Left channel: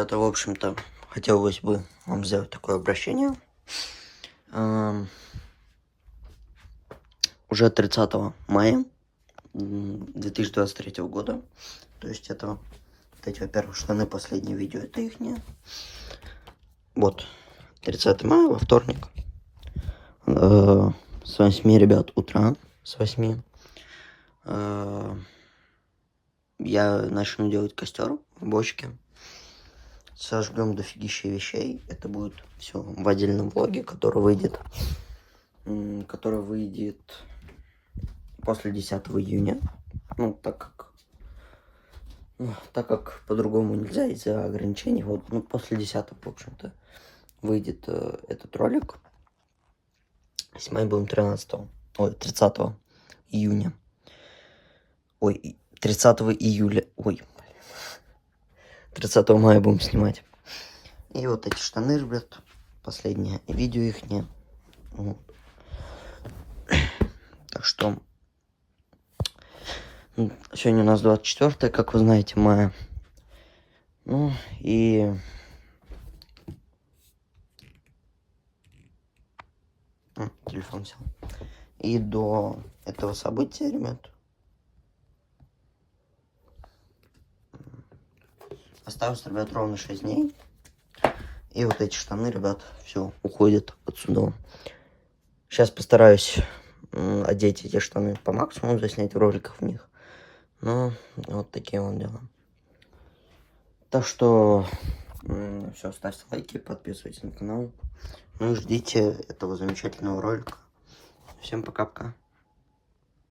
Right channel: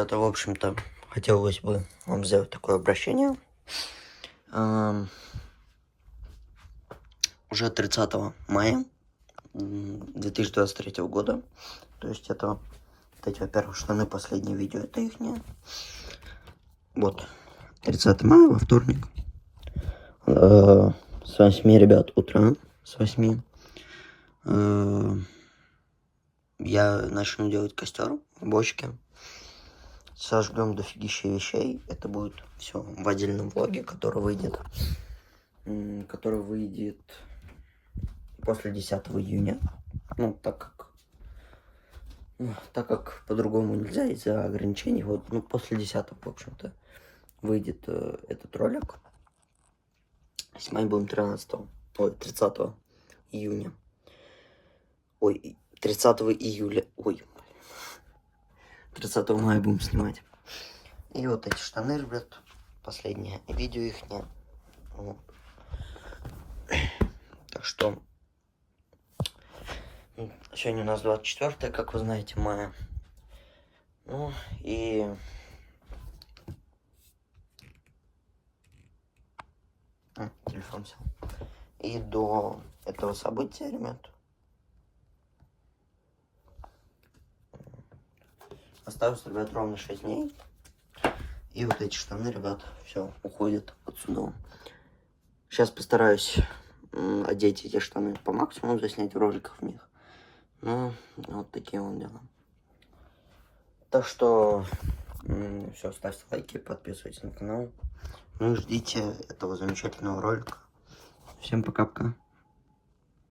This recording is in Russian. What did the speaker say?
Это, в общем-то, хотелось бы вам сделать такое обращение. Уже 30 мая 2023 года. То есть это вот эти, во-первых, штаны, последнее видео, это их не. Вот, 30 мая, во вторник. С 8, ребят, утра. С 8. Я начну делать костер в бочке. Сожгем дофигища вещей. Это будет все в отдельном влоге, который выйдет после 10 июня. Ну, так как по-другому нельзя из-за ограничений. Вот, ну, после 10, в общем-то, выйдет этот ролик. Снимать будем 30 июня. 30 июля. 30 мая будем снимать. И вот эти штаны, ребят, последнее видео их нет. Так что сегодня у нас 24, как вы знаете, мая. Ну и телефон сел. И до этого события, ребят, осталось, ребят, ровно 6 дней. И вот эти штаны, ребят, все, уходят отсюда. Сейчас постараюсь одеть эти штаны по максимуму, заснять роликов в них. Ну, вот такие вот дела. Так что, все, ставьте лайки, подписывайтесь на канал. Ну и ждите этого замечательного ролика. Всем пока-пока.